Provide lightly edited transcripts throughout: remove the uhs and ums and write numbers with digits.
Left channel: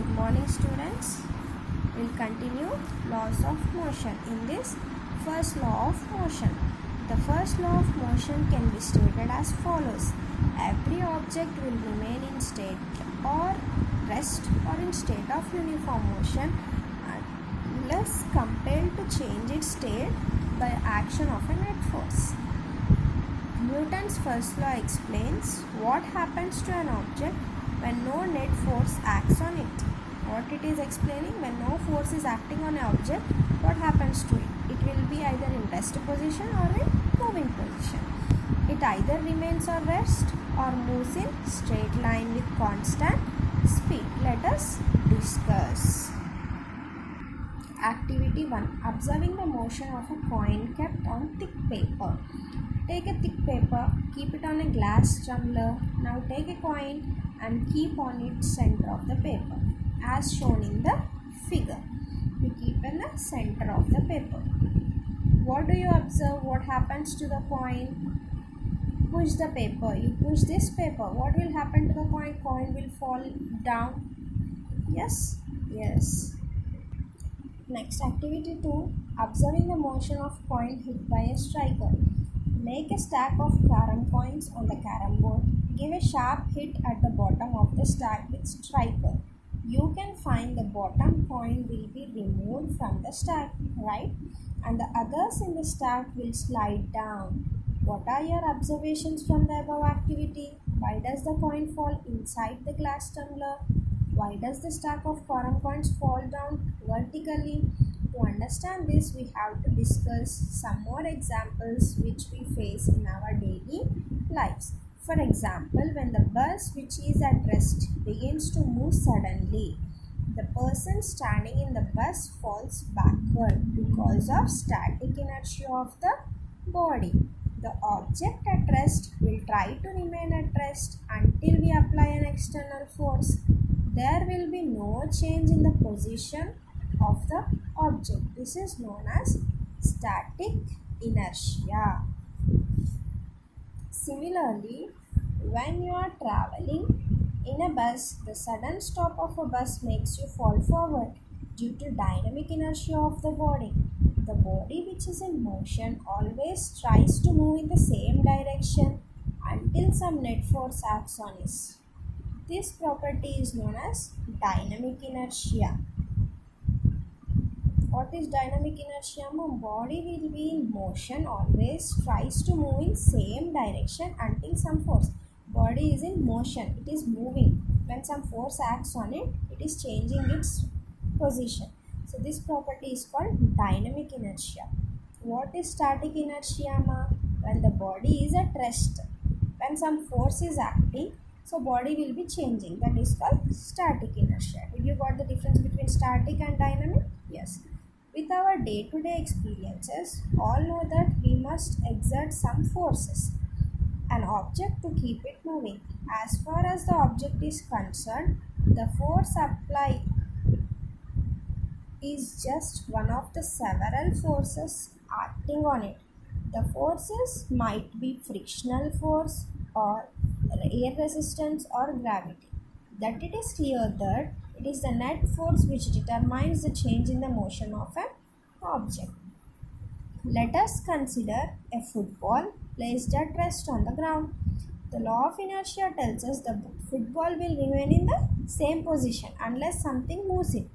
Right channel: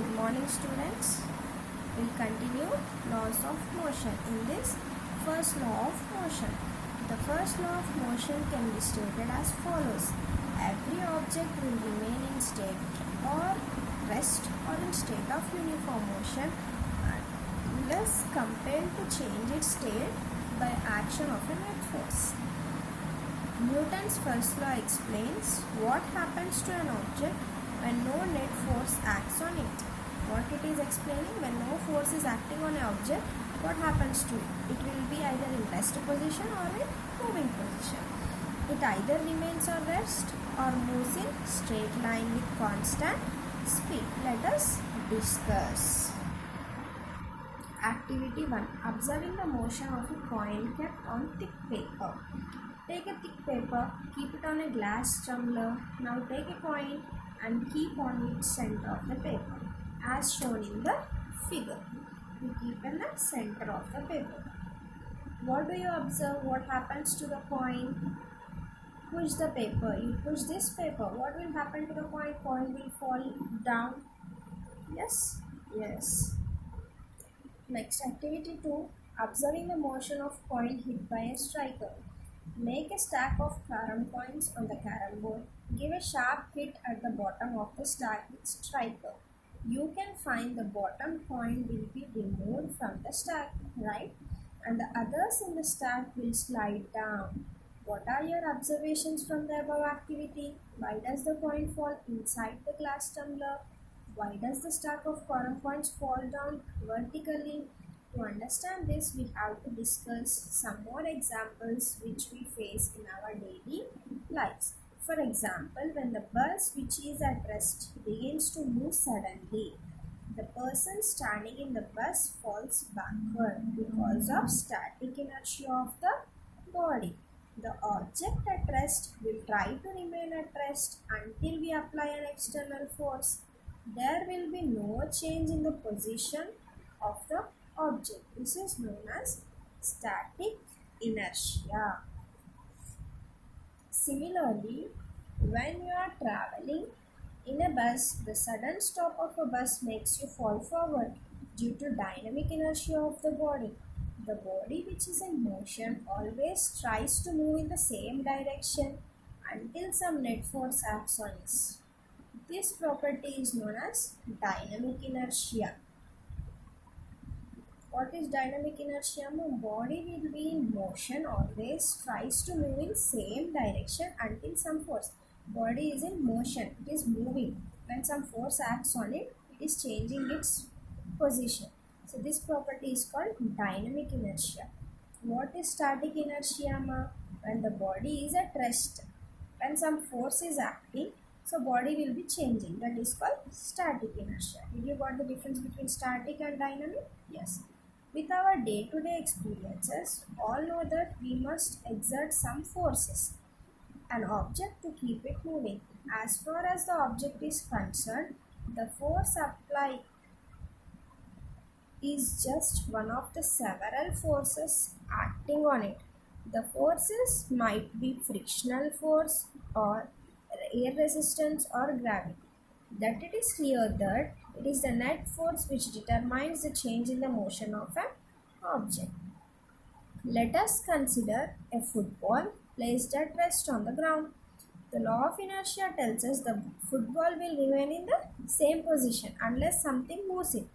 Good morning, students. We'll continue laws of motion. In this first law of motion, the first law of motion can be stated as follows. Every object will remain in state or rest or in state of uniform motion unless compelled to change its state by action of a net force. Newton's first law explains what happens to an object when no net force acts on it. What it is explaining, when no force is acting on an object, what happens to it? It will be either in rest position or in moving position. It either remains or rest or moves in straight line with constant speed. Let us discuss. Activity 1. Observing the motion of a coin kept on thick paper. Take a thick paper, keep it on a glass tumbler. Now take a coin and keep on its center of the paper as shown in the figure. We keep in the center of the paper. What do you observe? What happens to the coin? Push the paper. You push this paper. What will happen to the coin? Coin will fall down. Yes? Yes. Next, activity 2. Observing the motion of coin hit by a striker. Make a stack of carom coins on the carom board. Give a sharp hit at the bottom of the stack with striker. You can find the bottom coin will be removed from the stack, right? And the others in the stack will slide down. What are your observations from the above activity? Why does the coin fall inside the glass tumbler? Why does the stack of carom coins fall down vertically? To understand this, we have to discuss some more examples which we face in our daily lives. For example, when the bus which is at rest begins to move suddenly, the person standing in the bus falls backward because of static inertia of the body. The object at rest will try to remain at rest until we apply an external force. There will be no change in the position of the object. This is known as static inertia. Similarly, when you are traveling in a bus, the sudden stop of a bus makes you fall forward due to dynamic inertia of the body. The body which is in motion always tries to move in the same direction until some net force acts on it. This property is known as dynamic inertia. What is dynamic inertia? Body will be in motion, always tries to move in same direction until some force. Body is in motion, it is moving. When some force acts on it, it is changing its position. So this property is called dynamic inertia. What is static inertia? When the body is at rest. When some force is acting, so body will be changing. That is called static inertia. Did you got the difference between static and dynamic? Yes. With our day-to-day experiences, all know that we must exert some forces an object to keep it moving. As far as the object is concerned, the force applied is just one of the several forces acting on it. The forces might be frictional force or air resistance or gravity. That it is clear that it is the net force which determines the change in the motion of an object. Let us consider a football placed at rest on the ground. The law of inertia tells us the football will remain in the same position unless something moves it.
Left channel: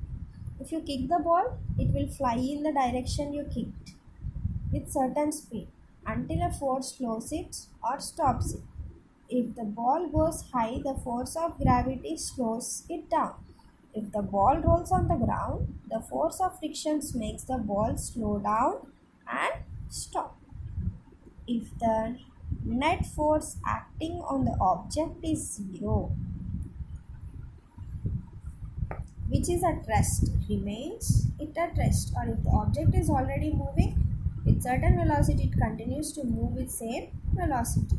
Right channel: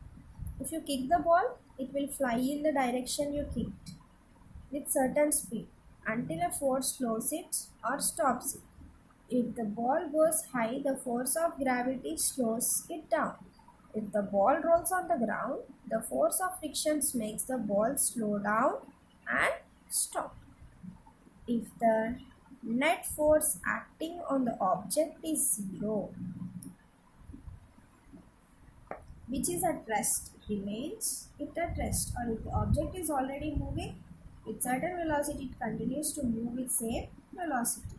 If you kick the ball, it will fly in the direction you kicked with certain speed until a force slows it or stops it. If the ball goes high, the force of gravity slows it down. If the ball rolls on the ground, the force of friction makes the ball slow down and stop. If the net force acting on the object is zero, which is at rest, remains it at rest, or if the object is already moving with certain velocity, it continues to move with same velocity.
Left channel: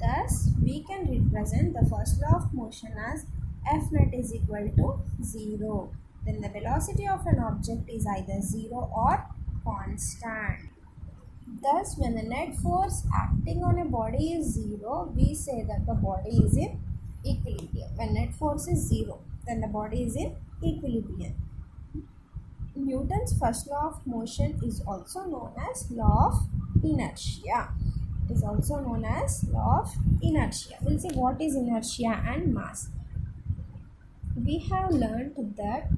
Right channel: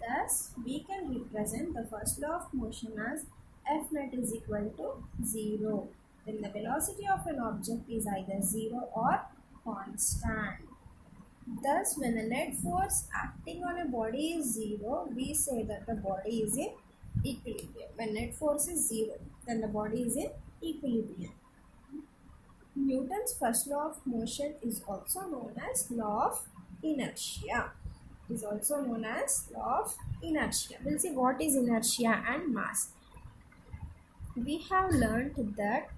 Thus, we can represent the first law of motion as F net is equal to 0. Then the velocity of an object is either 0 or constant. Thus, when the net force acting on a body is 0, we say that the body is in equilibrium. When net force is 0, then the body is in equilibrium. Newton's first law of motion is also known as law of inertia. It is also known as law of inertia. We'll see what is inertia and mass. We have learned that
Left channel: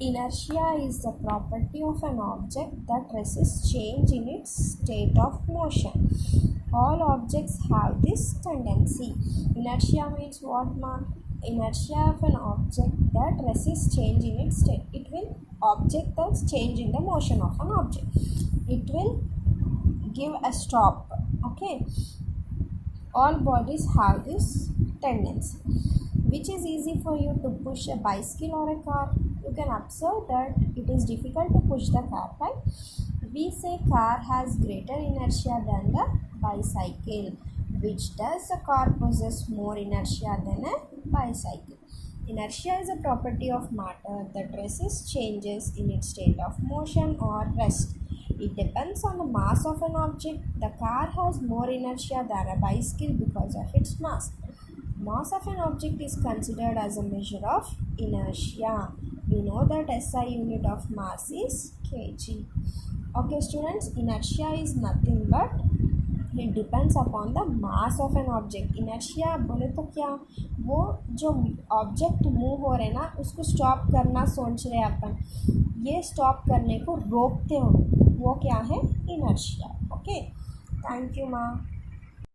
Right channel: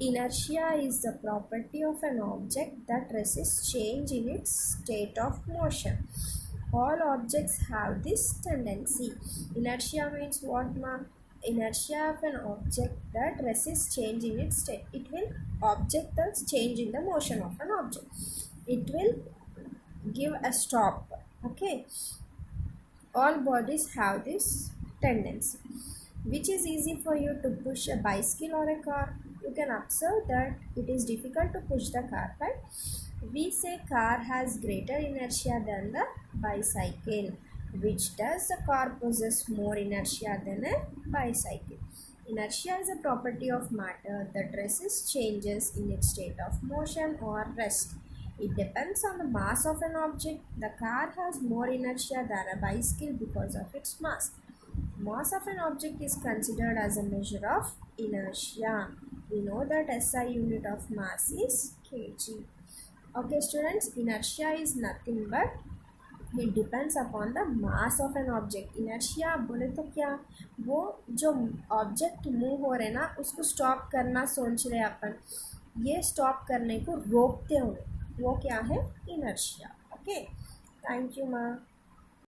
inertia is the property of an object that resists change in its state of motion. All objects have this tendency. Inertia means what, ma? Inertia of an object that resists change in its state. It will object the change in the motion of an object. It will give a stop. Okay. All bodies have this tendency. Which is easy for you to push a bicycle or a car? You can observe that it is difficult to push the car, right? We say car has greater inertia than the bicycle. Which does the car possess more inertia than a bicycle? Inertia is a property of matter that resists changes in its state of motion or rest. It depends on the mass of an object. The car has more inertia than a bicycle because of its mass. Mass of an object is considered as a measure of inertia. We know that SI unit of mass is kg. Okay students, inertia is nothing but it depends upon the mass of an object. Inertia बोले तो क्या, वो जो object move हो रहे ना उसको stop करना सोच रहे अपन, ये स्टॉप करने को रोकते हुए वो क्या है, इनर्शिया. ओके, थैंक यू माँ.